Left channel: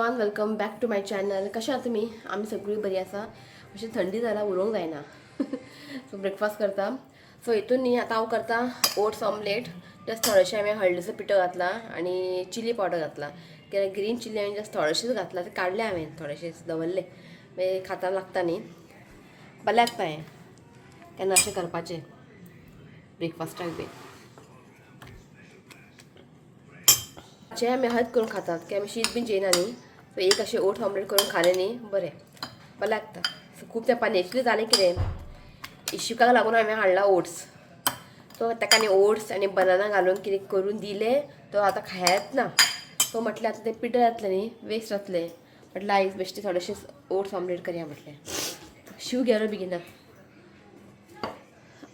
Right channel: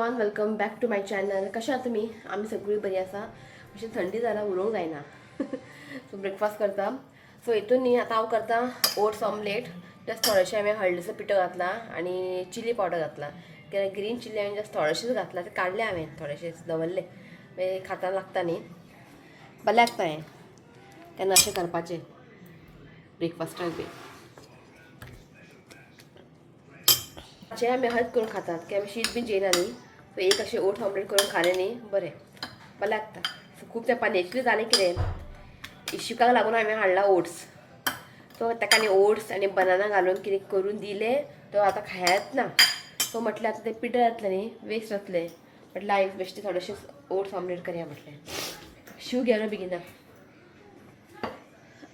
Everyone, welcome back to my channel. कशा आहात तुम्ही? आम्ही सगळी बरी आसा. अशी थंडी जाल्यार उरूंक जायना. सो ब्रेकफास्ट करता. सो हितून न्ही आतां हांव करता ओट्स ऑमलेट. जस्ट थोडेशें हांवें हळदीचो पिठो घातला आनी चिली पावडर घातला. कित्याक ग्रीन चिली हांवें जस्ट थोडेशेंच घातला. ते काडले हांवें थोडेशेंच दवरले. मागीर खाता लागता न्ही, बरें लागता हें केन्ना अशें करपाचें ब्रेकफास्टाक बी. जे आमी हळद करून खातात की आमी शीत बी जेयना न्ही. सो एक अशें ओट्स ऑमलेट करून खालें न्ही बरें लागता. सो खूब तेंपान एक्चुली जालें कितें, इश्यूकाक लागून हांवें हाडला ओट्स. सो ताका आनी ओट्स आनी बनाना घालून कितें करून दिलें तो आतां खायत ना. सो म्हटलें आतां तें पिठो जातलें न्ही, वेस्ट जातलें. म्हटलें आयज बेश्टें थोडेशें ओट्स ऑमलेट करया म्हटलें. शिव गेलो बेगिना.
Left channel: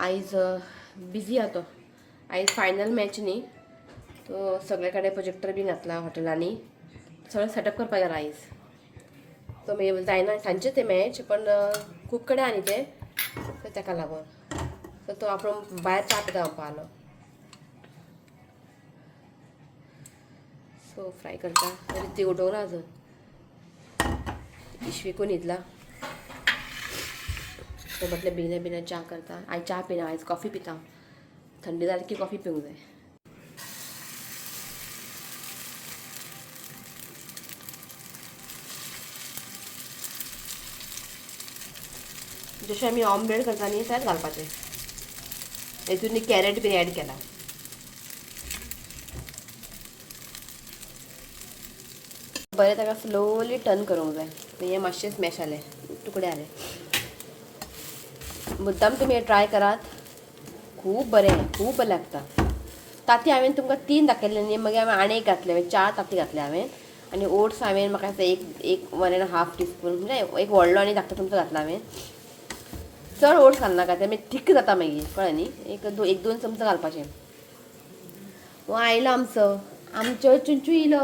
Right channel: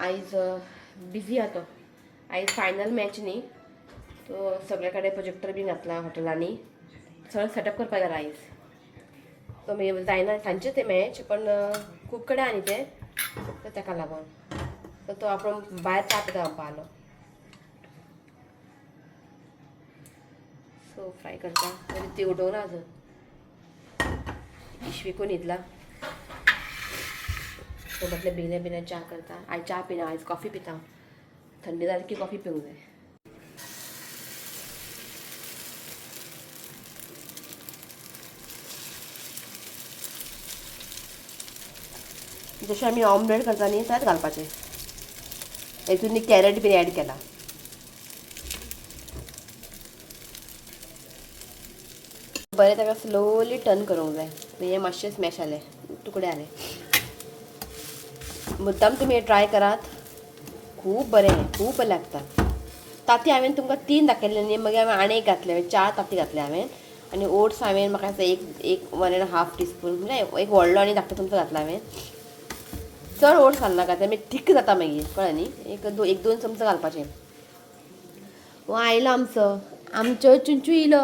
आयज बिजी आहा तो. आयज फायनल मॅच न्ही, तो सगळे कडेन प्रोजेक्टर बी घातला हॉटेलांनी. सगळें सेटअप करपाक गेला आयज. तो मागीर जायना सांजचें तें मॅच, पण खूब कडेन आहा न्ही तें, सो ताका लागून. सो तो आपूण भायर च्या पिता म्हणपा आलो. सो फ्राय करता. ती उठोवं ना अजून. इश्वीकून न्हिदला. तो म्हटलें बेगीन बेगीन च्या करता. आयज च्या पिना, आयज कॉफी पिता. थंडी जाली की कॉफी पिवंक जाय. जशें आमी ऑमलेट करता न्ही त्यात घालपाचें. हेतून न्ही कॅरेट बी ॲड केला. बरें ताका स्लोली टर्न करूंक जाय. हे मातशें स्मॅश जालें, तुकडे जाले. मुद्दाम तुमी हे ट्राय करात. खूब बरें, खूब बरें लागता. ताती हांवें तुमकां 3 दाखयले न्ही, मागीर हांवें आनी एक घातले. 4 ताती घातले हांवें. आनी ओट्स हांवें म्हाका एक 1.5 टीस्पून म्हणजे एक व्हडलो आनी धाकटो चमचो घातला हांवें. चड ओट्स घालनाका, तें मागीर थीक जाता मागीर, कळ्ळें न्ही. एक 2 चमचो घालपाचें. हो आयलो आमचो चुंचू येयलो.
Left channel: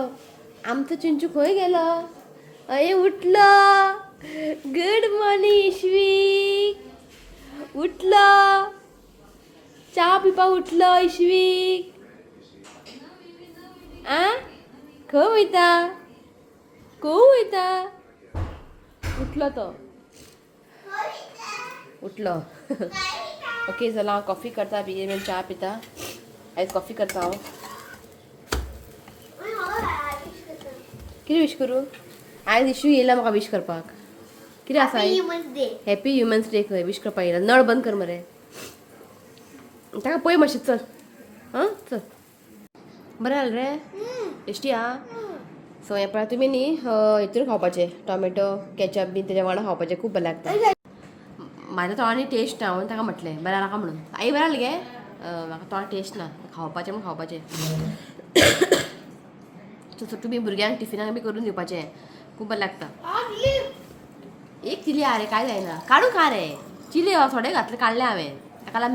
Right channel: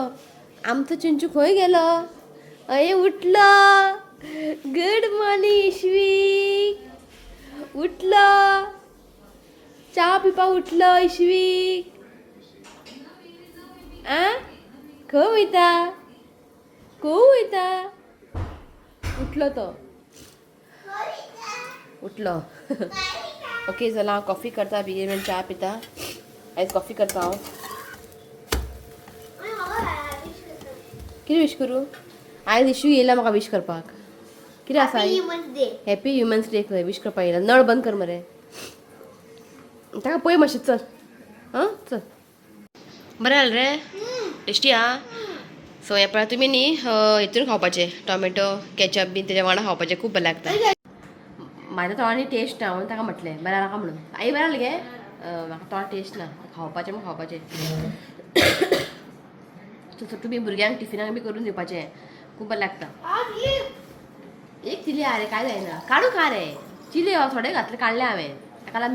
आमचो चुंचू खंय गेलो? अये उठलो. गुड मॉर्निंग इश्वीक. उठलो. च्या पिवपाक उठलो इश्वीक. खंय वयता? खंय वयता? उठलो तो. उठलो. ओके चला, हांव कॉफी करता, बेगीन च्या पिता. आयज कॉफी करता हांव. कितें विश करूं? आयज इशू येयला म्हाका विश करपाक. कितें आसा? हॅपी ह्युमन्स डे खंय विश करपाक येयला. नळ बंद कर मरे. ताका पळय मातशें, चल. चल. बरें जालें रे? टेस्टी आहा? सो हे पळय तुमी न्ही हितून खावपाचें, टॉमॅटो कॅचअप बी तेज्या वांगडा खावपाचें. खूब बरें लागता. म्हाज्या तोंडानी टेस्ट ना म्हणून ताका म्हटलें बरें नाका म्हणून. आई बरें जालें गे? म्हाका तोंड टेस्ट ना. खावपाचें म्हूण खावपाचें. सो तुमी भुरग्यांक टिफिनाक बी करून दिवपाचें. खूब बरें लागता. एक चिली आहा रे, काय जायना. काडून खा रे. चिली थोडे घातले, काडले हांवें.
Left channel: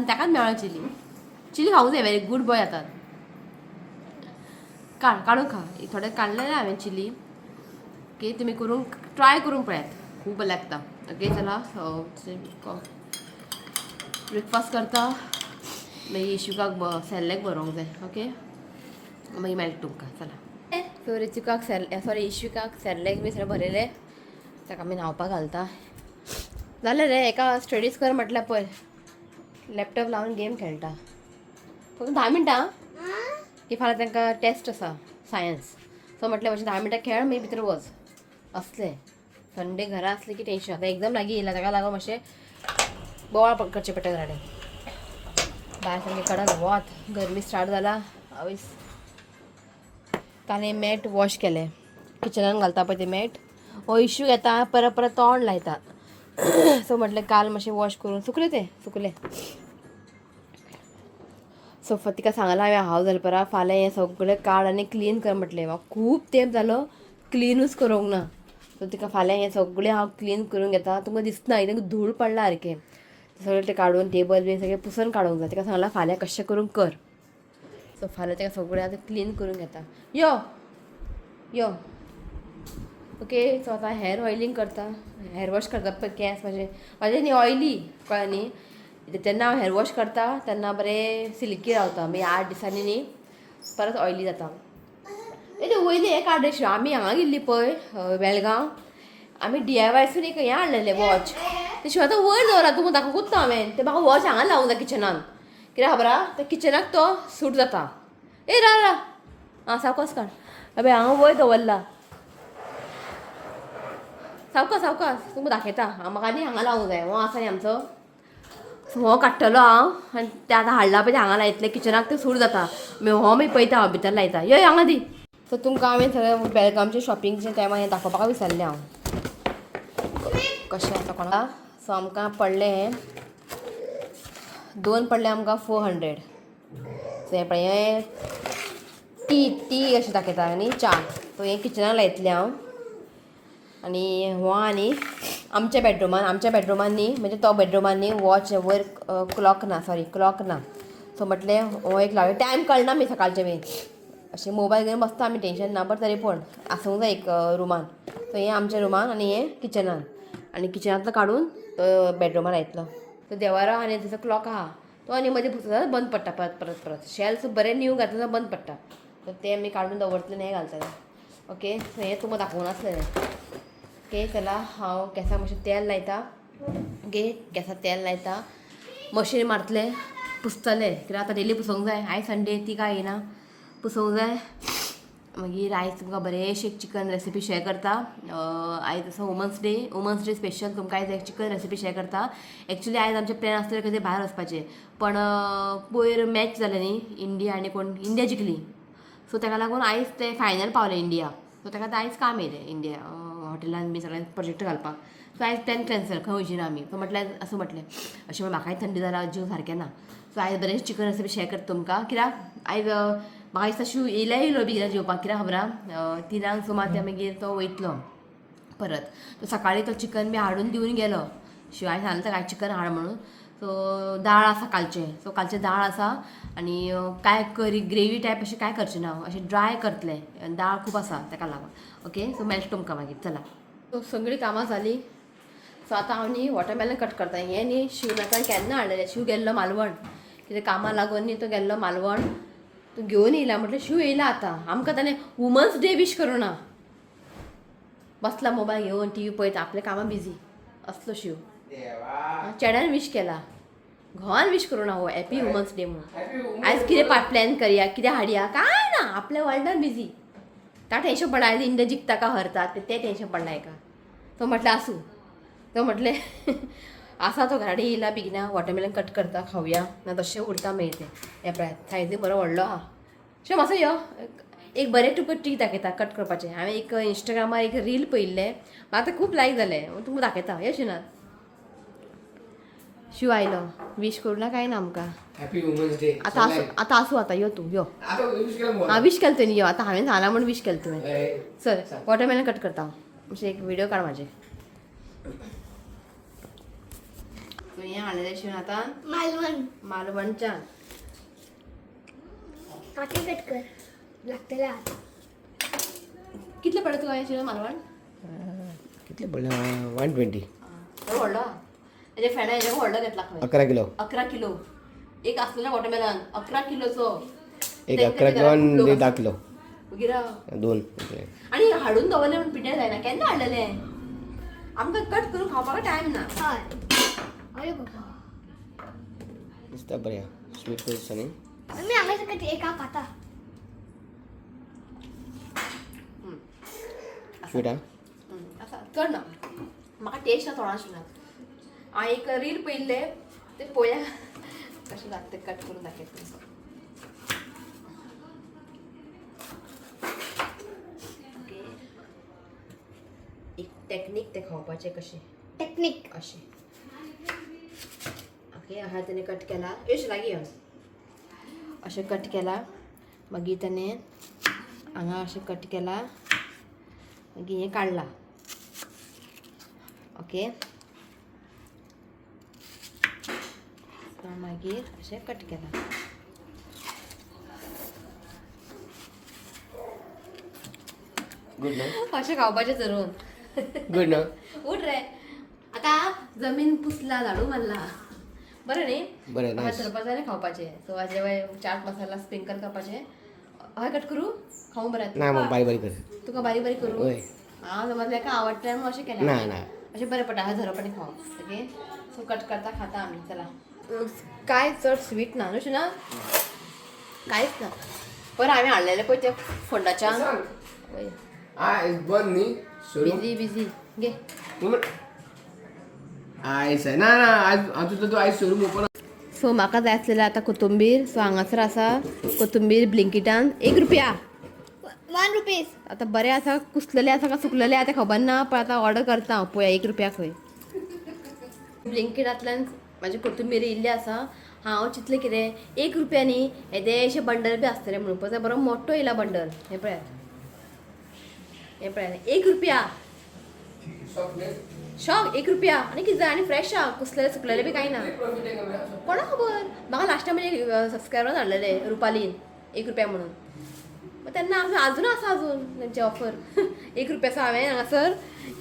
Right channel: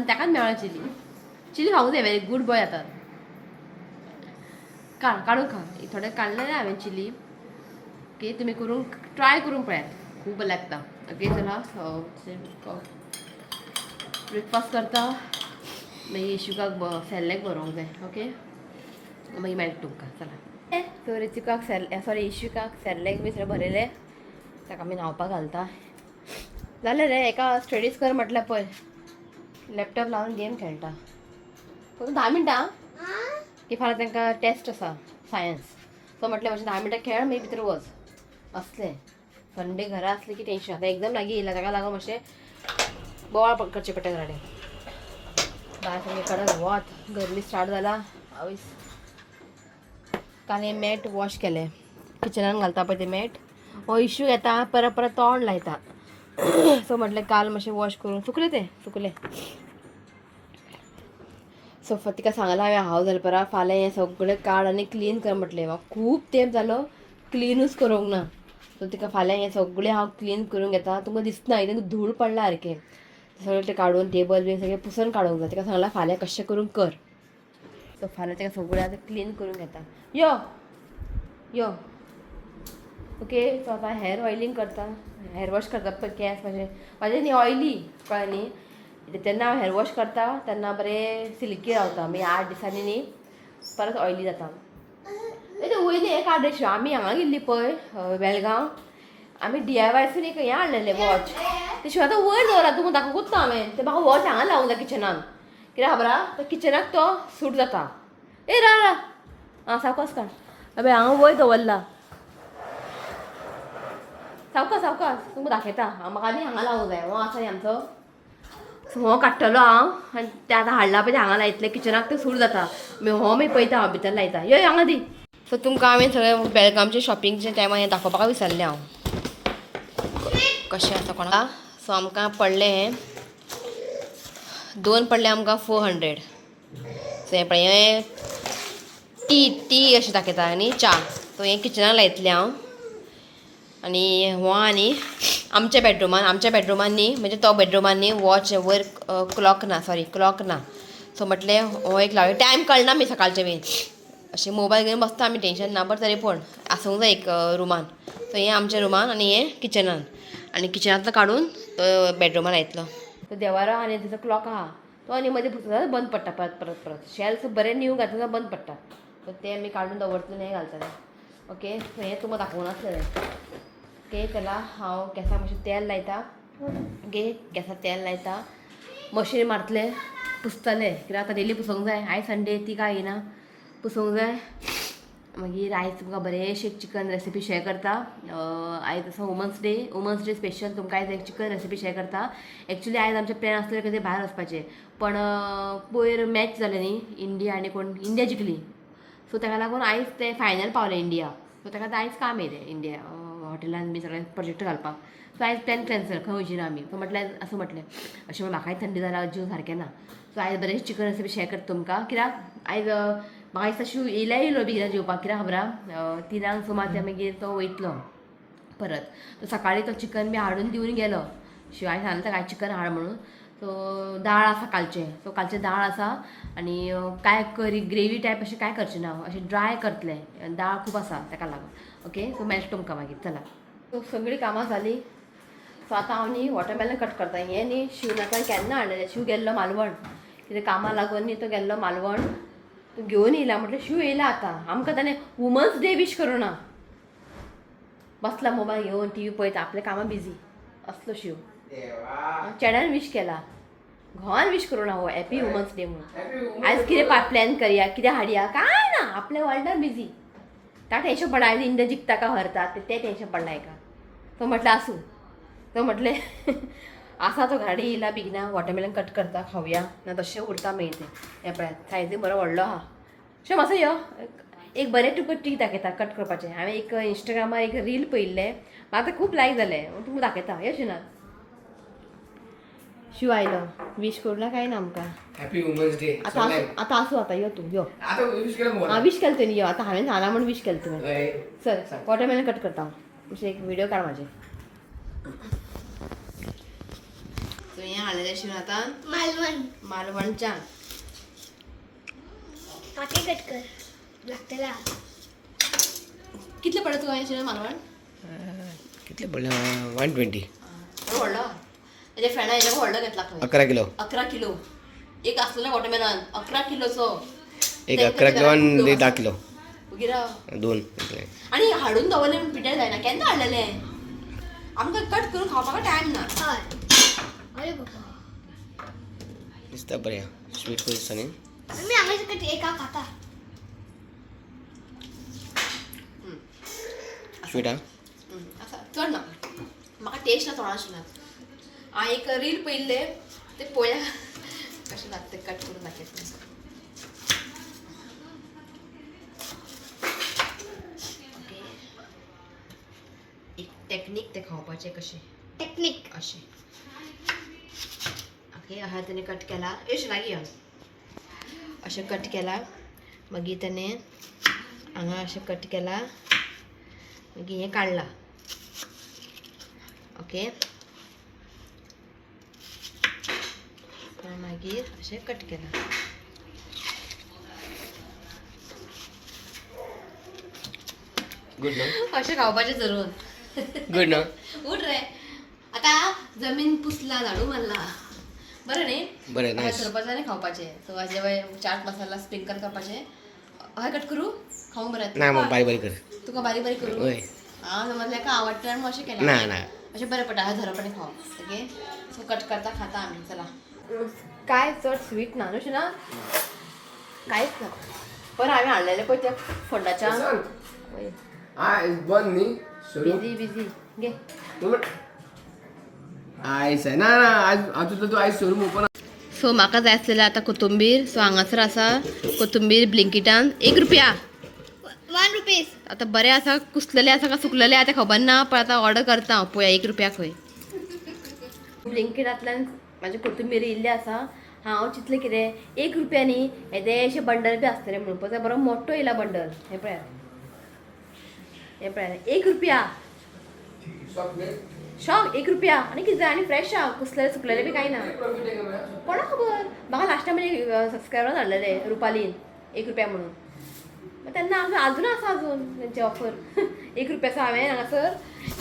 ताकाच मेळ्ळा चिली. चिली खावूंक जाय, वेरी गूड बॉय जातात. काडून खा. थोडे काडले हांवें चिली. ओके, तुमी करून ट्राय करून पळयात. खूब बरें लागता. ओके चला, ब्रेकफास्ट करता. मागीर इशूकाक सेर्लॅक भरोवंक जाय. ओके, मागीर मेळटा तुमकां. चला. सो रिचुकाक इशूकाक सेर्लॅक बी सगळें भरयलें. ताका आमी न्हावपाक घालता. जालें रे, एका स्टडीज कर म्हटल्यार पळय लॅपटॉप लावन गेम खेळटा. फक्त 10 मिनटां की फाल्यां तांकां टेस्ट आसा सायन्स. सो म्हटलें मातशें 10 मिनटां खेळ, मागीर भितर वच. असलें संडे घरा आसलें की टेंशन. आतां एग्जाम लागीं येयला, ताका लागून मातशें बोवाळ करचें पडटा घराडें. भायर सामकें कडक वत, गरमी स्टार्ट जाला. आवयस ताणें मॅट वॉश केलें. किचनान घालता पळय तें मॅट. हो इशू येता, परत परत तोंड लायता. सो म्हटलें काल मातशें वॉश करून सुकलें. सो तिका सांगलां हांव जाल्यार परा फाल्यां हें सगळें काड आनी क्लीन कर म्हटलें. म्हाका खूब तेंप जालो क्लिनूच करूंक ना. सो तिका फाल्यां हें सगळें हांव क्लीन करून घेता. तुमकां दिसना एकदम धूळ पडला सारकें. सगळें तें काडून टेबल बी सगळें पुसून काडूंक जाय. तिका सांगलां फाल्यां कशें करून कर. सो फाल्यां तेका सगळें आतां क्लीन करून घेता. यो ओके. सो आतां हेअर ऑयलिंग करता. हेअर वॉश करतात पळय केंस म्हाजे न्ही ऑयली, कळ्ळें न्ही. तेन्ना हांव हेअर वॉश करता तेन्ना बरें सिल्की रावता. मागीर 8 दिसांनी न्ही परत ऑयली जाता. ते वयली हे काडशी आमी हांगा गेल्ली पळय बेळगांव आमी DIYसून एक हें हाडलेलें वॉच ते शिवाय आतां वयर दवरा तुमकां दाखोवंकूच ना हांवें ते म्हाका वॉच हांगा लावंक जाय किचनान कित्याक खबर आहा त्या किचनाक तो सूट जाता ए रा आं सावकास काड अबे हांगा वयर दवरला सावकास तुमकां दाखयता म्हाका न्ही हांगा लावंक जाय हो आसा न्ही आमचो हो काडटलो हांव आनी ते आतां हाडला पळय ते हांगा लायतले किचनाक ते सूट जाता हो मागीर पळयता हांव भितर लायता यो हांगा दी सो तुमकां हांवें सगळें बेळगामचे शॉपिंगचे टायमार हें दाखोवपाक विसरलें हांव कशें आसा कोणाक सो आमकां पडलें हें 2 पडले आमकां 400 सो हें पळय हें टी अशें दाखयता आनी च्या सो हें किचनाक लायतलें हांव आनी हो आनी आमच्या बेडरुमान न्ही म्हणजे तो बेडरुमान न्ही वॉच वयर क्लॉक ना सो म्हटलें हो एक लावया टायम कळना मी सकाळचें बी अशें मोबायल घेवन बसता आमी टेंशन ना बट तरी पूण आसूंक जाय एक रुमान सो हें आमच्या रुमान आनी हें किचनान आनी किचनांतलो काडून तो बेडरुमान लायतलो तो देवारो आनी तेजो क्लॉक आहा तो आनी मदीं पुसता बंद पडटा परत शेल्फ बरें न्यू घातलें बंद पडटा सो तें आमी काडून दवरतलें हें घालतलें ओके हें तुमकां दाखोवंक नासलेलें ओके चला हांव गॅसाक मातशें तेल लायता ओके गॅसार तेल लायता मशीन मारतलें पुसतलें कित्याक आतां डेली पुसूंक जाय आयज संडे ती काय येना पुसूंक जाय मागीर आयज तुमकां बरेंशें चिकन रेसिपी शेअर करता आयज आसा वुमन्स डे स्पेशल तुमकां आयज एक चिकन रेसिपी शेअर करता एक्चुली आयज आमचें प्लॅन आसलें खंय भायर वचपाचें पण पयर मॅच जालें न्ही इंडिया आनी कोण इंडिया जिखली सो ताका लागून आयज ते फायनल पावले इंडिया सो ताका आयज काम येयलें इंडिया हॉटेलान बी सगळ्यांक प्रोजेक्ट घालपाक सो आयज प्लॅन कॅन्सल खंय वचीना आमी सो म्हटल्यार असं म्हटलें अशें म्हाकाय थंडी जाला जीव सारकें ना सो आयज बरें चिकन रेसिपी शेअर करता तुमकां कित्याक आयज म्हाका दिसता शिव येयलो बेगिना जेवपाक कित्याक खबर आहा 3 सुमार ते मागीर तो वयतलो परत तो सकाळीं तो चिकन बी हाडून दिवन गेलो शिवाय सांगलें ताका चिकन हाड म्हणून सो दाळ आसा कालचें दाळ आसा आनी काय करी ग्रेवी टायप अशें काय करचें ना अशें ड्राय करतलें दाळ खूब आसा ताका लागून ओके सो मेळटा तुमकां मागीर चला सो सगळीं कामां जालीं सो आतां हांव न्ही वॉटरमेलन कट करता हें न्ही शिवनाकान केन्ना हाडलेलें शिव गेल्लो मालवण कितें कामां लागून न्ही तो गेल्लो मालवण तो घेवन येयला म्हटल्यार शिव येयला आतां आमकां ताणें वुमन्स डे वीश करूं ना बसला मोबायल घेवन टी व्ही पळयता आपल्या कामां बिजी असलो शिव चेड्यान वीश केला घोवान वीश करूं ना हो हॅपी वुमन्स डे म्हणून आयज कितें प्लॅन करया कितें हाडया काय ना आपल्या वर्ल्डान बिजी त्या टेन्शन पडला आयज इंडिया जिखता का हरता ते टेन्शन पडला हेका तो म्हटलें आसूं तो म्हटलें आसा तो घराडे येयला बेगिना वॉटरमेलन कट करता खावया ना तशें उरता मागीर तें हें पळय सायजीन बरो व्हडलो आहा अशें मातसो यो एक बरें तुका ट्रीक दाखयता कट करपाचें हांवें एक इंस्टाग्रामार एक रील पळयल्लें म्हाका तें खूब लायक जालें तुमकां दाखयता यो शिवनाथ शिव आयलो वीश करूं ना काय ना आमकां हॅपी वुमन्स डे आतां आसूं आतां यो तूं यो आता विश केलं हां वीश केलें तुवें यो आतां हांवें सांगला म्हणून वीश केलें तुवें बोल चल वॉटरमेलन कट करता हांव अशें एक व्हिडिओ काड म्हाजे सो हें हाडलेलें शिवन आतां मालवणच्यान पाटी कट कर लागतला कितले पडले तुका हें शिवन मालवण कितले पडले 120 व्हडलो तेजे फ्रेंडा हेजे व्हडलो घेतला खंय 11 किलो 11 किलो एक आसलेलो वॉटरमेलन 11 किलोचो एक 11 किलो आणि 10 किलो गिरा 2 आणि हाडून दवरलें म्हणून पिड्यार जायना केन्ना हाडलेलें आमकां कट करून खावपाक टायम ना हय अरे बाबा दिसता बरें स्वीट दिसता न्ही आम्ही हांगा सकट एका खाता स्वीट हा आसा चड ना म्हाका टेस्ट ना थोडा आशिल्ला हांवें एक रील पळयल्ले ते पळोवया कशें जाता तें कट करून दाखयता ओके एक टॅक्नीक ते खावपाचें कशें टेक्निक अशें ओके हा त्याने कट केला येश लागी अशें कट केला मागीर त्याने हांगा अशें कट केला मागीर हें काडला ओके मागीर अशें कट केला गुड न्हू अशें खावपाचें जरूर गुड न्हू उठ रे आतां जमीन पुसला झाडू मारला बरें न्ही बरें नायस धरपाचें आनी खावपाचें सो हाजे चाट मसाला स्प्रिंकल करपाचें हय कट करू खाऊ बरं ना मग बारीक बारीक कर तुका बारीक बारीक करू होय हां समजल्या का आवडतं मग असे केलं ना ना असे बरे पडटा हा झरपणे खाऊ ओके सो कट करता खाता आम्ही चला काय चड स्वीट ना नुशी ना काहीच ना पण आम्ही हाडलेले पळय त्या फोंडाच्या बंद न्ही बिझी बिझी घे आयस ना ना आज तुझं तू आयस शोरूम ओपन सो म्हाका जाय आसलेलें आतां कोथंबीर सो हांगासर आसा कोथंबीर ब्लिंकिटान 1 रुपया 1 रुपीज. आतां बरें आसा कुसलेले आसा का सुकलेले आतां खबर ना पण आतां ऑर्डर करता हांव पळया 1 रुपया खंय ब्लिंकिटांतल्यान म्हाजी कोथंबीर येयल्ली आसा हांव चिंतलें कितें 1 रुपयांनी येदेशे बंडल बी आसतले म्हणून पळय बरो मोठो येयला बंडल हे पळयात 1 रुपया शॉक 1 रुपया आनी कितें जाय आनी फ्रेश आहा कुसलेले सुकलेले बी कांय ना कोणा खबर म्हाका लास्ट टायम सबस्क्रायबर हाडलेले रुपालीन 1 रुपया म्हणून मग तेन्ना अजून आसा अजून तेंचे ऑफर 1 रुपयाचो हांवें हांगासर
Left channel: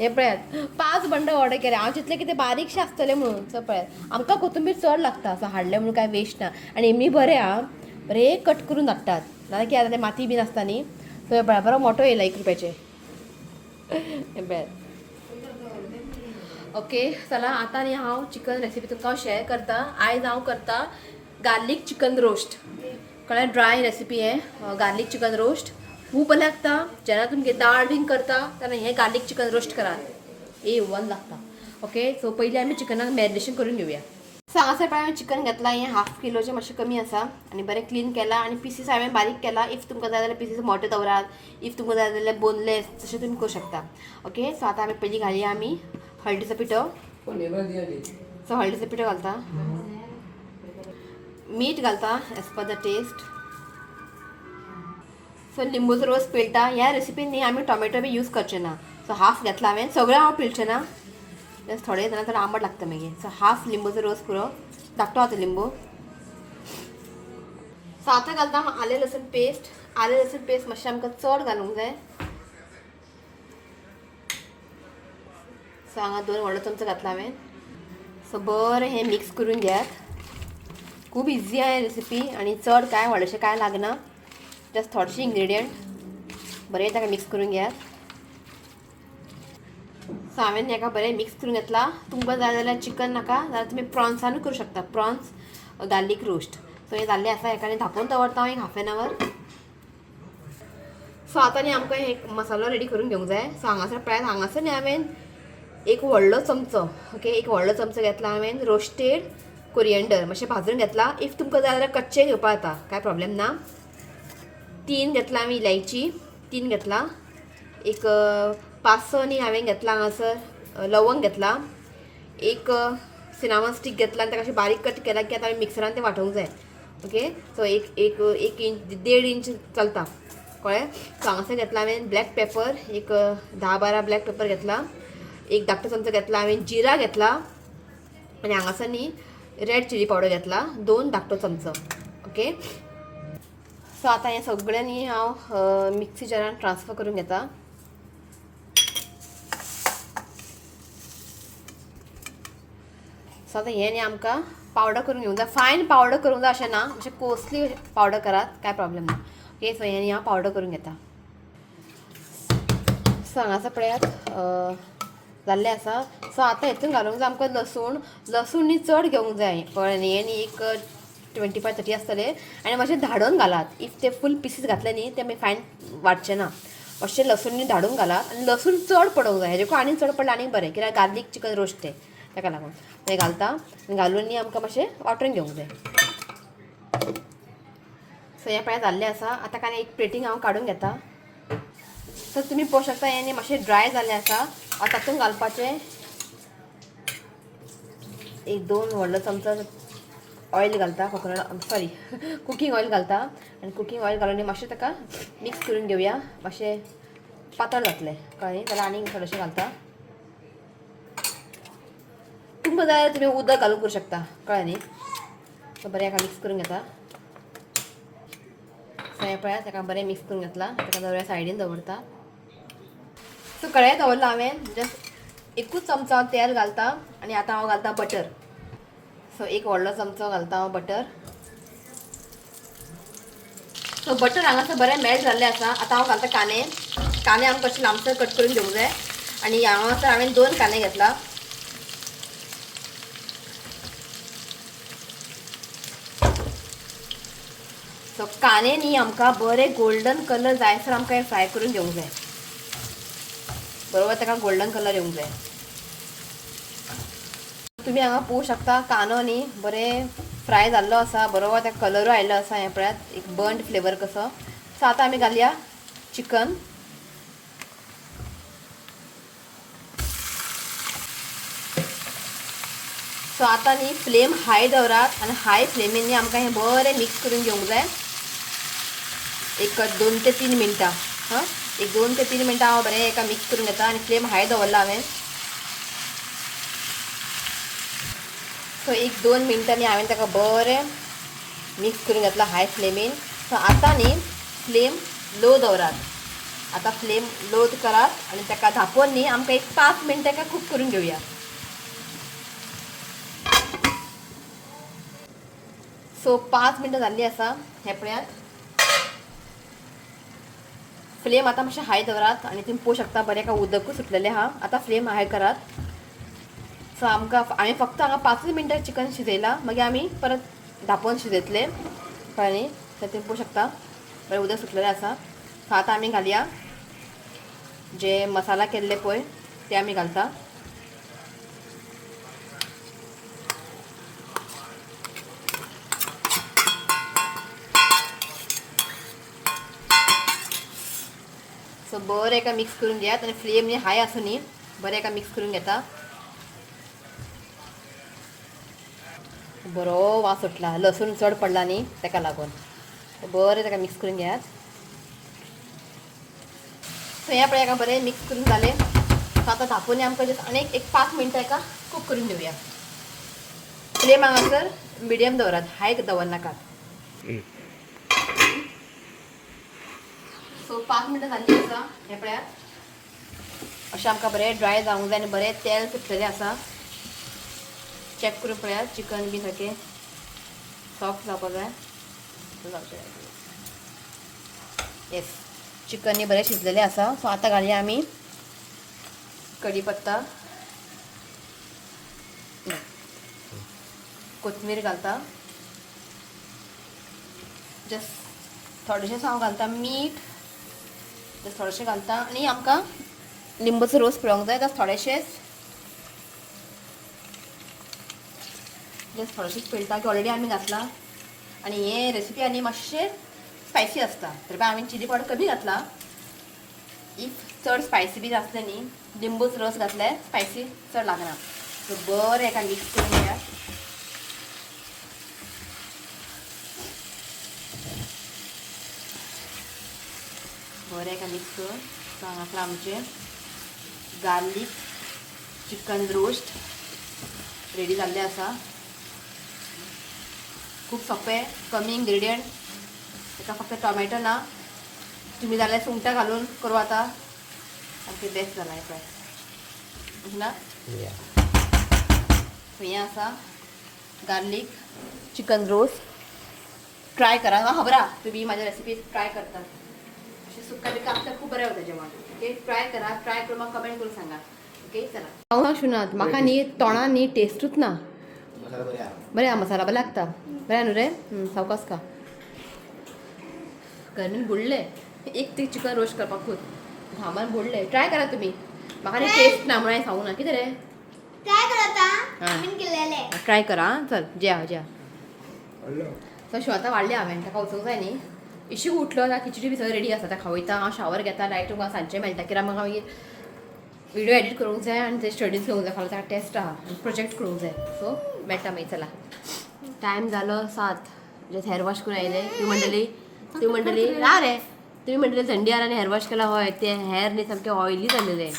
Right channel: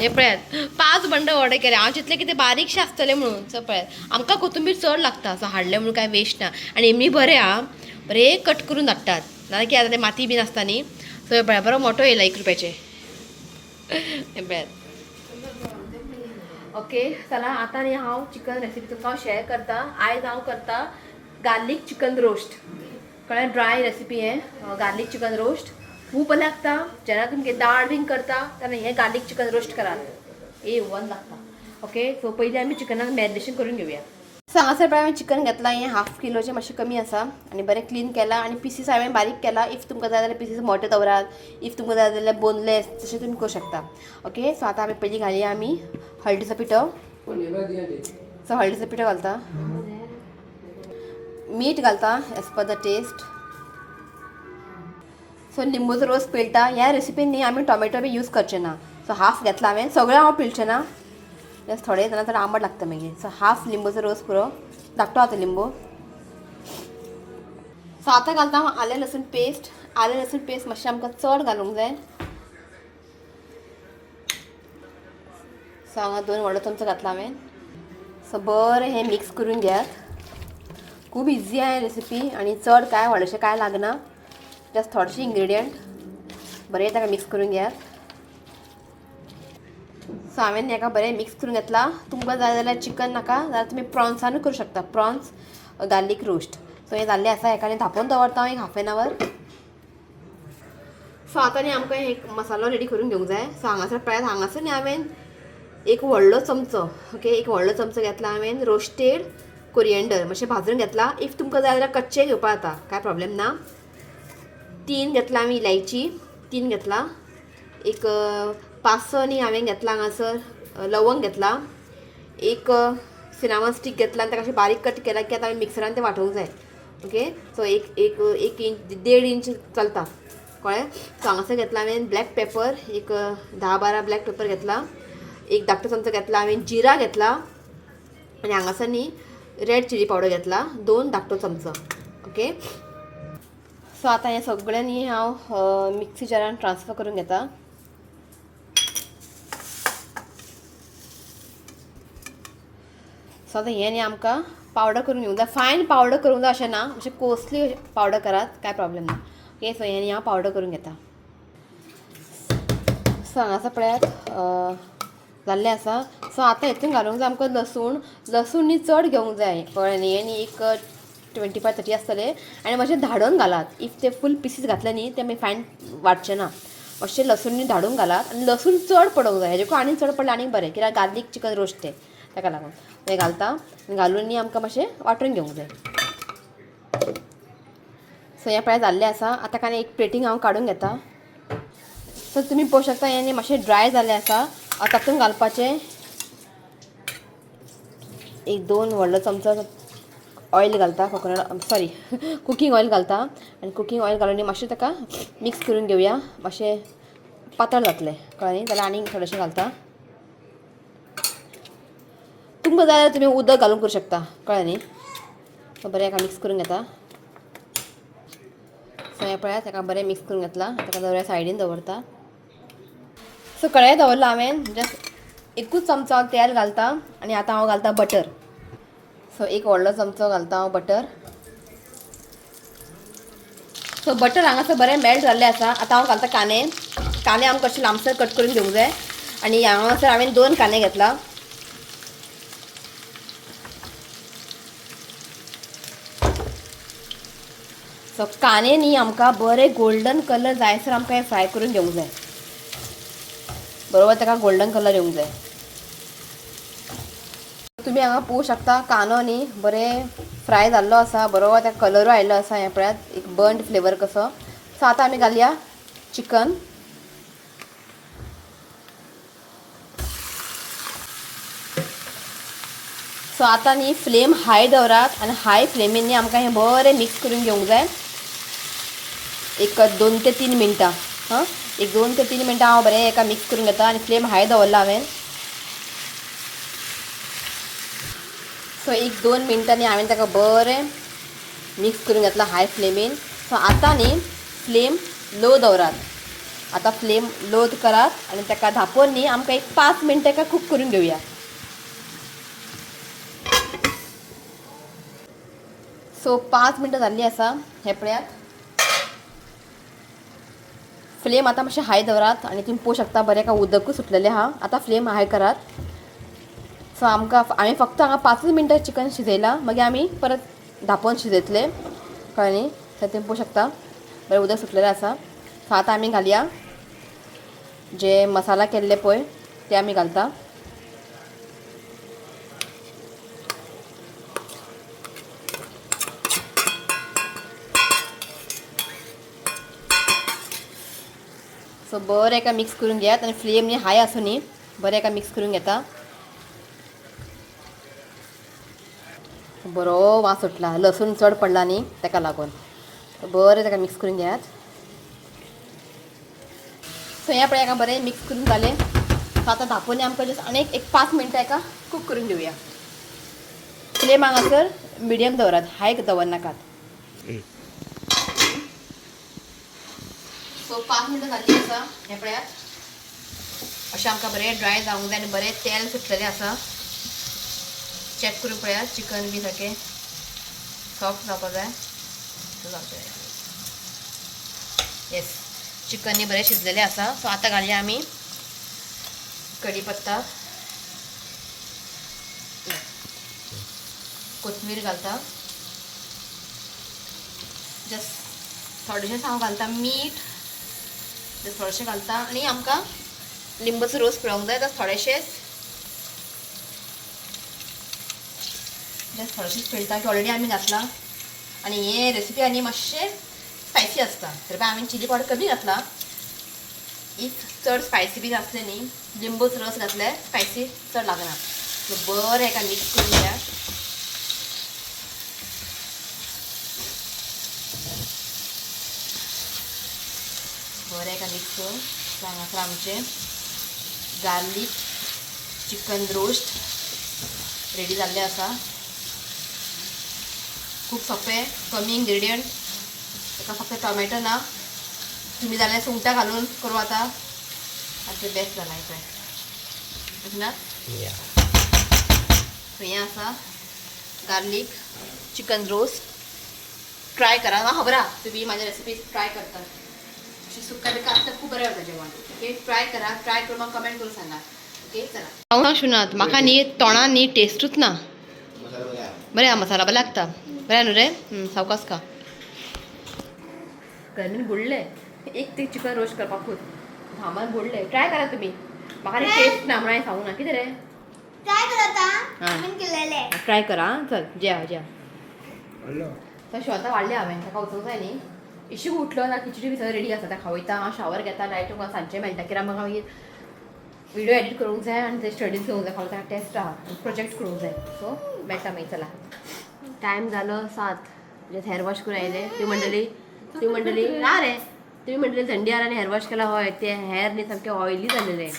हे पळयात 5 बंडल ऑर्डर केले हांव चिंतलें कितें बारीकशें आसतलें म्हणून सो पळयात आमकां कोथंबीर चड लागता सो हाडलें म्हणून कांय वेस्ट ना आनी एमी बरें आहा बरें कट करून धाडटात नाजाल्यार कितें आतां माती बीन आसता न्ही सो हे पळयात बरो मोठो येयला 1 रुपयाचे हे पळयात ओके चला आता न्ही हांव चिकन रेसिपी तुमकां हांव शेअर करता आयज हांव करता गार्लीक चिकन रोस्ट कळ्ळें ड्राय रेसिपी हे गार्लीक चिकन रोस्ट खूब बरें लागता जेन्ना तुमगे दाळ बीन करता तेन्ना हें गार्लीक चिकन रोस्ट करात वन लागता ओके सो पयलीं आमी चिकनाक मॅरिनेशन करून घेवया सो हांगासर पळय हांवें चिकन घेतलां हें 1/2 किलोचें मातशें कमी आसा आनी बरें क्लीन केलां आनी पिसीस हांवें बारीक केला इफ तुमकां जाय जाल्यार पिसीस मोटे दवरात इफ तुमकां जाय जाल्यार बोनलेस तशें तुमी करूं शकता ओके सो आतां आमी पयलीं घालया आमी हळदीचो पिठो सो हळदीचो पिठो घालता मीठ घालता एज पर द टेस्ट सो लिंबूचो रोस पिळटा ह्या रेसिपीन न्ही आमी टोमॅटो बी यूज करचे ना सो हाफ घेतला हांवें सगळें हांव पिळचें ना जस्ट थोडे जाल्यार तर आंबट लागता मागीर सो हाफ लिंबूचो रोस पुरो धाकटो आतां लिंबू सो आतां घालता हांव आलें लसूण पेस्ट मातशें आमकां चड घालूंक जाय सो हांगा 2 व्हडलो चमचो घातला हांवें सो बरें हें मिक्स करून घेयात खूब इजी आहे रेसिपी आनी चड कांय व्हडलेशें कांय लागना जस्ट थोडेशे इंग्रेडियंट बरें ताका मिक्स करून घेयात सो हांवें हेका बरें मिक्स करून घेतला तुमकां जाय जाल्यार चिकन नाका जाल्यार तुमी प्रॉन्सानूय करूं शकता प्रॉन्स गार्लीक रोस्ट सो हें जाल्लें आसा हेका धांपोवन दवरता हांव एक 1/2 एन आवर सो आतां न्ही आमकां एक मसालो रेडी करून घेवंक जाय सो हांगासर पळयात हांगासर न्ही हांवें एक व्हडलो चमचो ओके एक व्हडलो चमचो घेतला हांवें रोस्टेड कोरिएंडर मातशें भाजून घेतला इफ तुमकां जाय जाल्यार कच्चे घेवपा जाता कांय प्रॉब्लेम ना 3 घेतला आमी इलायची 3 घेतला एक 5-6 न्ही हांवें घेतला हांगासर लवंग घेतला एक सिनामन स्टीक घेतला आनी ताका अशें बारीक कट केला की आतां हांवें मिक्सरान तें वांटोवंक जाय ओके सो एक इंच 1.5 इंच चलता कळ्ळें सो हांगासर घेतला हांवें ब्लॅक पेपर एक 10-12 ब्लॅक पेपर घेतला एक धाकटो चमचो घेतला हांवें जिरा घेतला आनी हांगासर न्ही रेड चिली पावडर घेतला 2 धाकटो चमचो ओके सो आतां हें सगळें न्ही हांव मिक्सी जारान ट्रान्सफर करून घेता सो आतां हें न्ही आमकां पावडर करून घेवंक जाय फायन पावडर करूंक जाय अशें ना अशें कोसली पावडर करात कांय प्रॉब्लेम ना ओके सो हें न्ही हांव पावडर करून घेता सो हांगासर पळयात जाल्लें आसा सो आतां हेतून घालूंक जाय आमकां लसूण न्ही चड घेवंक जाय कळ्ळें न्ही हें न्ही एक 25-30 आसतले आनी मातशें धाडून घालात इफ ते फूल पिसीस घातले न्ही ते मागीर फायन वाडचे ना मातशें लसूण न्ही धाडून घालात आनी लसूण चड पडोवंक जाय हेजेको आनी चड पडलें आनी बरें कित्याक गार्लीक चिकन रोस्ट तें ताका लागून तें घालता आनी घालून न्ही आमकां मातशें वांटून घेवंक जाय सो हें पळय जाल्लें आसा आतां काय एक प्लेटींग हांव काडून घेता सो तुमी पळोवंक शकता हें न्ही मातशें ड्राय जाल्लें आसा आतां तातूंत घालपाचें एक 2 व्हडलो चमचो ऑयल घालता कुकींग ऑयल घालता आनी कुकींग ऑयल घालून मातशें ताका मिक्स करून घेवया मातशें पातळ जातलें कळ्ळें न्ही जाल्यार आनीक थोडेशें घालता तुमकां जाय जाल्यार तुमी उदक घालून करूं शकता कळ्ळें न्ही सो बरें हाका मिक्स करून घेता सो हें पळयात ताका बरें मिक्स करून घेतला ताका दवऱ्या सायडीन दवरता सो कढाई दवरला हांवें जस्ट एकूच चमचो तेल घालता आनी आतां हांव घालता बटर सो एक व्हडलो चमचो घालता हांव बटर सो बटर हांगासर बरें मेल्ट जाल्लें आसा. आतां हांव घालता कांदे. कांदे आमकां कशें लांबसर कट करून घेवंक जाय. आनी हांगासर हांवें 2 कांदे घेतला. सो कांदे न्ही आमकां बरें गोल्डन कलर जायसर आमकां हे फ्राय करून घेवंक जाय. बरोबर ताका गोल्डन कलर येवंक जाय. तुमी हांगा पळोवंक शकता कांदो न्ही बरें फ्राय जाल्लो आसा. बरोबर ताका कलरूय आयिल्लो आसा. हें पळयात एक बर्न्ड फ्लेवर कसो. सो आतां आमी घालया चिकन. सो आतां न्ही फ्लेम हाय दवरात आनी हाय फ्लेमीन न्ही आमकां हें बरें मिक्स करून घेवंक जाय. एक 2 ते 3 मिनटां. एक 2 ते 3 मिनटां हांव बरें एका मिक्स करून घेता आनी फ्लेम हाय दवरला हांवें. सो एक 2 मिनटांनी हांवें ताका बरें मिक्स करून घेतला हाय फ्लेमीन. सो आतां न्ही फ्लेम लो दवरात. आतां फ्लेम लो करात आनी ताका धांपोवन न्ही आमकां एक 5 मिनटां ताका कूक करून घेवया. सो 5 मिनटां जाल्लीं आसा. हें पळयात फ्लेम आतां मातशें हाय दवरात आनी तुमी पळोवंक शकता बरें एका उदकूय सुटलेलें आहा. आतां फ्लेम हाय करात. सो आमकां हांवें फक्त हांगा 5 मिनटां चिकन शिजयलां. मागीर आमी परत धांपोवन शिजयतले कळ्ळें न्ही. सो तुमी पळोवंक शकता बरें उदक सुटलेलें आसा. सो आतां आमी घालया जे मसाला केल्ले पळय ते आमी घालता. सो बरें एका मिक्स करून घेयात आनी फ्लेम न्ही हाय आसूं न्ही बरें एका मिक्स करून घेता. बरो वास सुटला. लसूण चड पडला न्ही ताका लागून. बरें ताका मिक्स करून घेयात. सो हें पळय हाका बरें मिक्स करून जालें. सो आतां धांपोवन आमकां जस्ट आनी एक 5 मिनटां हाका कूक करून घेवया. फ्लेम हांगासर मिडियम दवरात हाय दवरनाकात. सो 5 मिनटां जाल्लीं आसा. हें पळयात अशें आमकां बरें ड्राय जावंक जाय आनी बरें तेल सुटलेलें आसा. चॅक करून पळयात चिकन बी सारकें सॉफ्ट जावपाक जाय. येस चिकन न्ही बरें शिजलेलें आसा. सो आतां घालया आमी कढीपत्ता, कोथमीर घालता. जस्ट थोडेशेंच हांव घालता मीठ. जस्ट थोडेशें घालता आनी आमकां लिंबूचो रोस पिळोवंक जाय. जस्ट थोडेशेंच जस्ट थोडेशेंच पिळटा की ऑलरेडी आमी घातला. आनी हे रेसिपी आनी मातशें स्पायसी आसता तर हांवें चिली पावडर कमी घातला. इफ चड स्पायसी बी आसलें न्ही लिंबूचो रस घातल्यार स्पायसी चड लागना. सो बरें एका मिक्स करून घेयात. बरें एका मिक्स करून. सो हांगासर आमचें गार्लीक चिकन रोस्ट रेडी जाल्लें आसा. खूब सोंपें कमी इन्ग्रेडियंट. ताका फक्त टोमॅटो ना तुमी जाल्यार सुंगटां घालून करूं आतां आनी तें बेस्ट जालां पळय ना. हें आसा गार्लीक चिकन रोस्ट. ट्राय करा. म्हाका खबर आहा तुमी म्हाज्या रेसिपी ट्राय करता. अशें सुक्का बिक्का आसता खूब बरें वता जेवण. ओके ट्राय करा. ट्राय करून म्हाका कमेंट करून सांगा. ओके चला हांव शुनात म्हाका न्ही तोंडान न्ही टेस्टूच ना. बरें आहा मसाला बरें लागता. बरें न्हू रे. सावकास खा. गरमीन बुडले एक ते चिकन रोस्ट करपाकूच घामान बुडले. ट्राय करा तुमी. म्हाका न्ही टेस्ट ना म्हणून हांवें सांगूना. कितें रे ट्राय कर आता. आम्ही केलेले. ट्राय करा. चल जेवा जेवा. तशें आतां वाडलें हांवें ताका वचूंक जाय न्ही. इशू उठलो आतां खिचडी बी सगळें रेडी आसा. ताका खावयता हांव शावर घेता. डायरेक्ट म्हाका सांजचें मेळटा कित्याक म्हाका मागीर व्हिडिओ एडीट करूंक जाय आनी ते स्टडीज घेवंक जाय. फाल्यां ताका टेस्ट आहा आनी प्रोजेक्ट करूंक जाय. सो मेळटा मागीर चला. टायम जालो 7. जस्ट हेअर वॉश करून आयले. ती म्हणटली ना रे तुमी म्हणटली थंडी आला आनी हेअर वॉश केला. हय ते हेअर न्ही सामकें ऑयली जालेलें.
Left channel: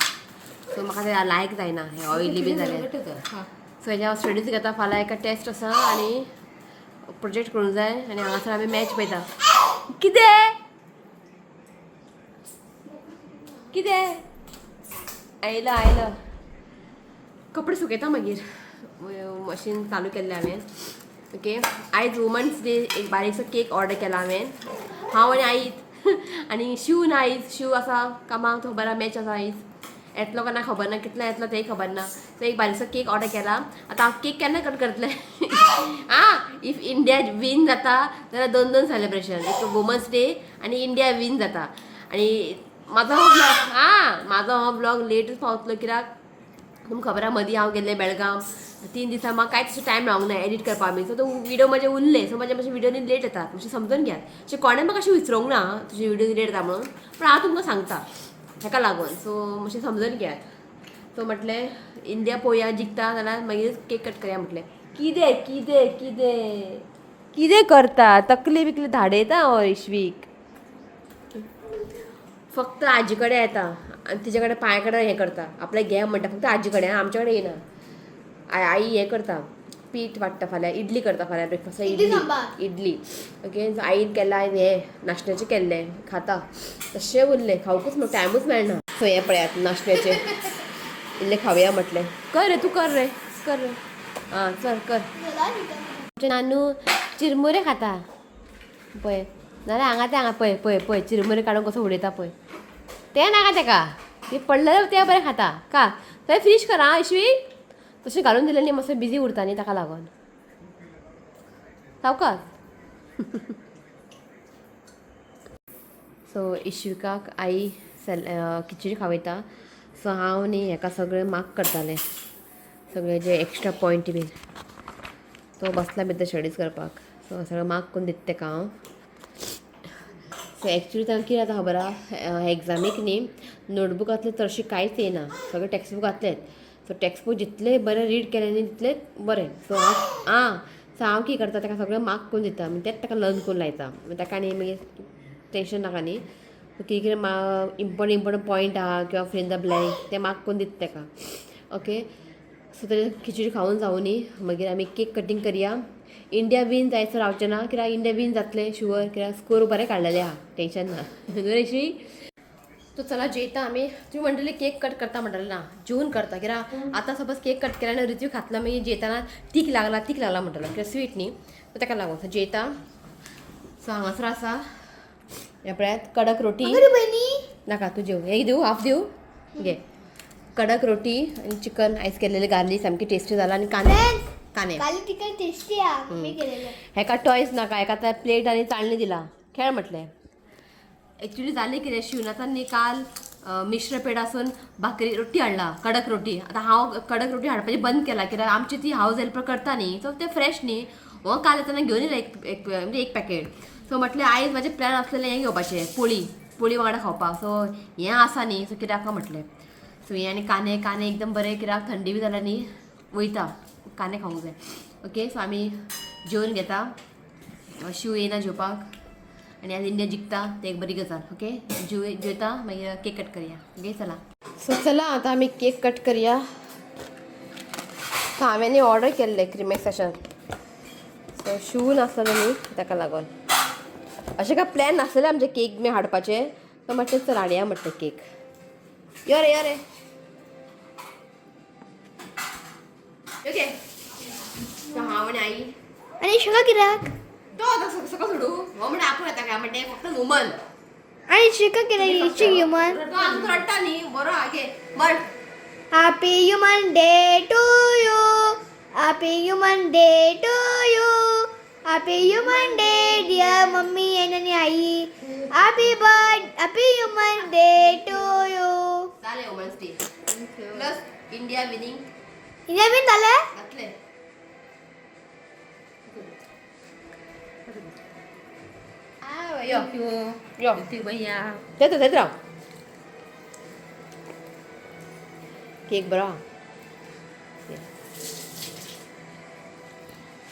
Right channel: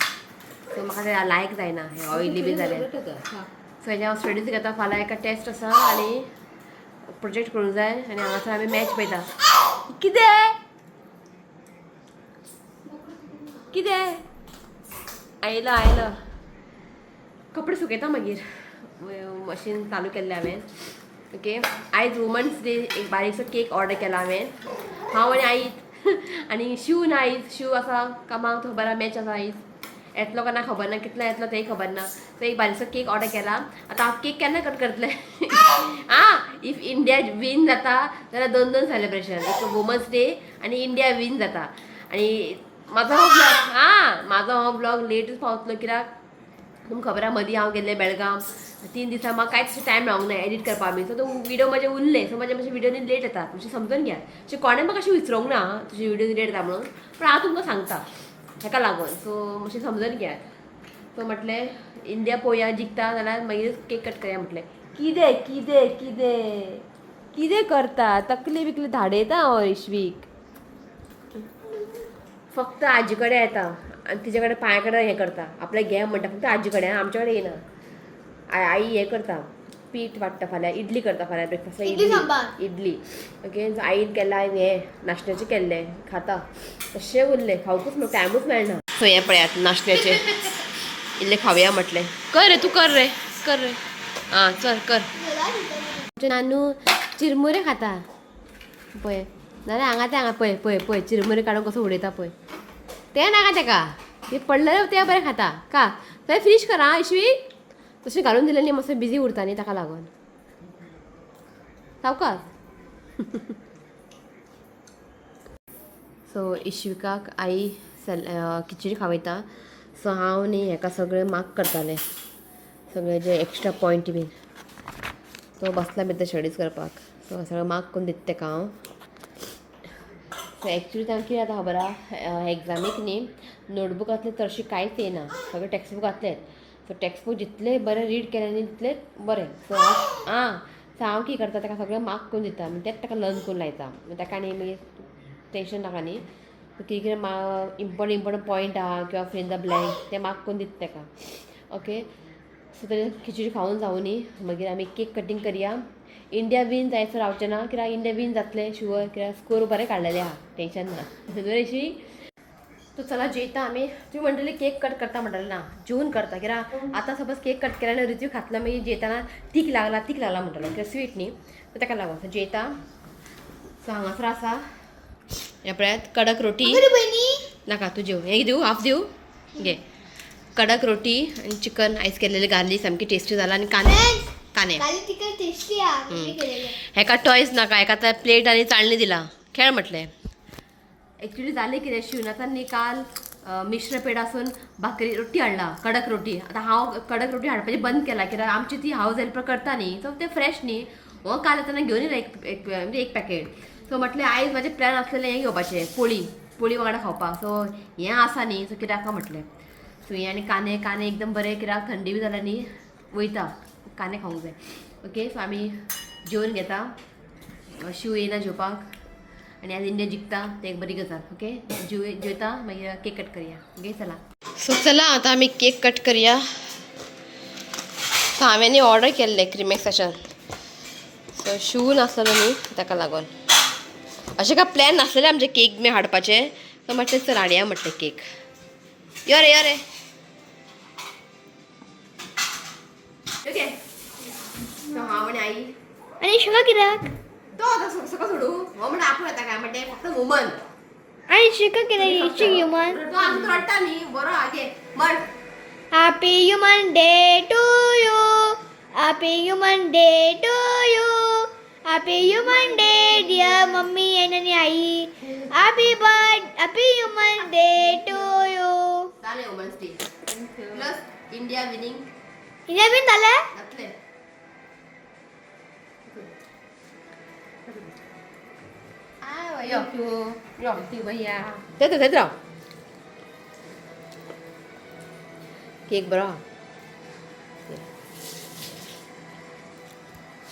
सो म्हाका तें लायक जायना हें ऑयली बी जालें. सो हेजे हांव स्टडीज घेता. फाल्यां एका टेस्ट आसा आनी प्रोजेक्ट करूंक जाय आनी हांगासर आमी मॅच पळयता. कितें कितें आयलो कपडे सुकयता मागीर. मशीन चालू केल्लें हांवें. ओके आयज वुमन्स डे एक बारीकसो केक ऑर्डर केला हांवें. हांव आनी आईच आनी शिव ना आयज शिव आसा कामाक तो खबर मॅच आसा आयज येतलो काय ना खबर ना कितलो येतलो तेय खबर ना तो एक बारीकसो केक ऑर्डर केला आतां हांव केक केन्ना कट करतले इफ इंडिया विन जाता जाल्यार 2 सेलिब्रेशन एक वुमन्स डे आनी इंडिया विन जाता आनी म्हाजो हो ब्लॉग लेटच पावतलो कित्याक तुमकां खबर आहा मदीं हांव गेल्लें बेळगांव 3 दिसां म्हाका कांयच टायम मेळोंक ना एडिट करपा बी सो तो व्हिडिओ म्हजे उरले सो मातशे व्हिडिओनी लेट येता तुमचे समजून घ्या अशें कोणें म्हाका अशें विचारूंक ना तुजे व्हिडिओ लेट जाता म्हणून पूण हांव तुमकां सांगता हेका लागून सो मातशें समजून घेयात सो म्हटलें इंडिया पळोवया जिखता जाल्यार मागीर केक कट करया म्हटलें किदें किदें किदें किदें करता तकली बिकली धाडयता इश्वीक फक्त आजी कडेन येता आनी तिचे कडेन पांया कडेन हें करता आपलें घे म्हणटा फक्त आजी कडेन आमचे कडेन येना आई हें करता पीठ वाडटा फाल्यां इडली करता फाल्यां ब्रेकफास्ट इडली ओके आईन केला हें नाशण्याचें केल्लें खाता तशें उरलें खावपूच टायमूच मेळना सो हें पळयात नाशण्याचें इल्लें खावया म्हटलें कर रे तूं कर रे आं चल कर नानू चिरमुरे खाता पळय नाल्यार हांगा पळय पळय पळय चिरमुरे काडून कसो उडयता पळय तें नाका तेका ते पडलें तें बरें खाता का थंय फिनिश कर आं इश्वी तशें घालून दिलें न्ही मातसो बिजी उरता न्ही ताका लागून सावकाश सो इश्विकाक आई खिचडी खावयता सो हांव न्ही हेका सगळें मार्क करतालें सगळें जे एक्स्ट्रा पॉयंट बीन तो बसला भितर स्टडीज करपाक सो सगळें मार्क करून दिता तेका हांव सो एक्चुली तांकां कितें जाता खबर आहा एग्जामीक न्ही नोटबुकांतलें चडशें कांयच येना सगळें टॅक्स्ट बूक घातलें सो टॅक्स्ट बूक जितलें बरें रीड केलें न्ही तितलें बरें सो हांव कितें करता ताका सगळें मार्क करून दिता मागीर तेंच ताका लर्न करून लायता मागीर ताका न्ही मागीर टेंशन नाका न्ही कितें कितें इम्पॉर्टंट पॉयंट आहा किंवा फिल द ब्लँक तें मार्क करून दिता ताका ओके सो तरी खिचडी खावून जावं न्ही मागीर आमी केक कटींग करया इंडिया विन जायसर रावचें ना कित्याक इंडिया विन जातलें शुअर कित्याक स्कोर बरें काडलेलें आहा टेंशन ना नरेशी तो चला जेयता आमी तुमी म्हणटली केक कट करता म्हणटलें ना जेवन करता कित्याक आतां सपोज केक कट केला आनी रितीव खातलो मागीर जेयताना तीक लागला म्हणटलो कित्याक स्वीट न्ही सो ताका लागून सो जेयता सो हांगासर आसा हे पळयात कडक रोटी नाका तूं जेव हे दिवं हाफ दिवं घे कडक रोटी आनी चिकन आयज केल्लेलें गार्लीक सामकी टेस्टी जाला आनी कांदे हेका टॉयज नाका हेका आतां प्लेट आनी चाळणी दिला खेळ म्हटलें एक्चुली जालें कितें शिवनाथान न्ही काल मिश्र पेडासून भाकरी रोटी हाडला कडक रोटी आतां हांव कडक रोटी हाडपाचें बंद केला कित्याक आमची ती हावज हेल्पर करता न्ही सो तें फ्रेश न्ही हो काल येताना घेवन येयला एक पॅकेट सो म्हटलें आयज म्हाजें प्लॅन आसलेलें हें घेवपाचें पोळी वांगडा खावपाक सो हें आसा न्ही सो कित्याक म्हटलें सो हें आनी कांदे एकदम बरें कित्याक थंडी बी जाल्यार न्ही वयता कांदे खावंक जाय ओके सो आमी जेवन घेता शिव येयना जेवपाक आनी आज इंडिया जिखता ते एक बरी गजाल ओके जेवता मागीर केक कट करया ओके चला सो चला आतां आमी केक कट करया सो हांवें न्ही ऑर्डर केल्लें क्रिमेक्साच्यान सो शिव नासलेलो न्ही ताका लागून अशें काय प्लॅन नासलेलें आमचें केक बी हाडपाचें सो म्हटलें चल हाडया म्हटलें केक यो रे ओके सो हांव आनी आई आणि शिका कित्याक तो आतां सकाळ सोडू हो म्हणटा आपूण येता काय म्हणटा फक्त वुमन आणि शिका कित्याक इट्स ह्युमन तो आतां रडटा न्ही बरो आगे but happy human day to you happy human day to you happy human day dear mummy आणि आई happy human day to you झाले women's day plus India winning India win झालं घातले यो ती भैया थंय राव केक बरो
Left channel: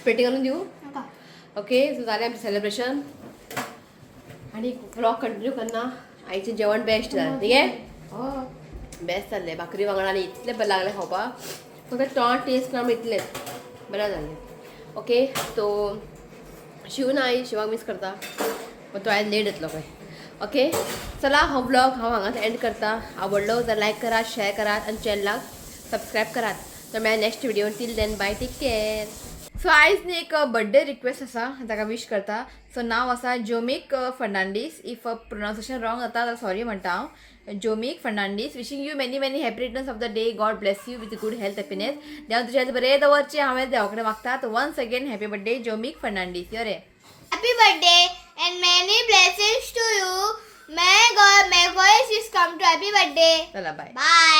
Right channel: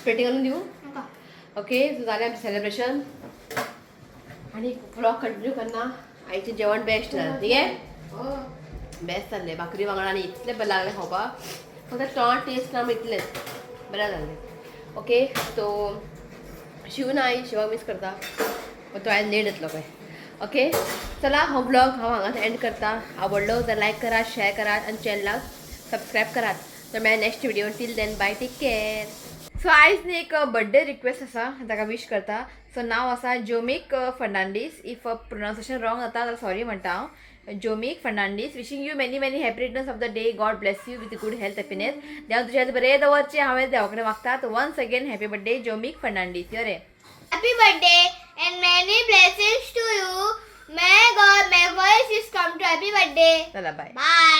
प्लेटी घालून दिवं ओके सो जालें आमचें सेलिब्रेशन आनी ब्लॉग कंटिन्यू करना आईचें जेवण बेस्ट जालें ठीक आहे बेस्ट जाल्लें भाकरी वांगडा आनी इतलें बरें लागलें खावपाक फक्त टेस्ट ना इतलें बरें जाल्लें ओके सो शिव ना आई शिवाक मिस करता पण तो आयज लेट येतलो पळय ओके चला हो ब्लॉग हांव हांगाच एंड करता आवडलो तर लायक करात शेअर करात आनी चॅनलाक सबस्क्रायब करात तर मेळ्या next video till then bye take care सो आयज न्ही एक बर्थडे रिक्वेस्ट आसा ताका विश करता. सो नांव आसा Jomik Fernandes. If pronunciation wrong जाता जाल्यार सॉरी म्हणटा हांव. Jomik Fernandes, wishing you many many happy returns of the day. God bless you with good health happiness. देव तुझे हेल्थ बरें दवरचें हांवें देवा कडेन मागता. तो once again happy birthday Jomik Fernandes. यो रे. Happy birthday and many blessings to you. May God is come to happy birthday. चला बाय. Bye.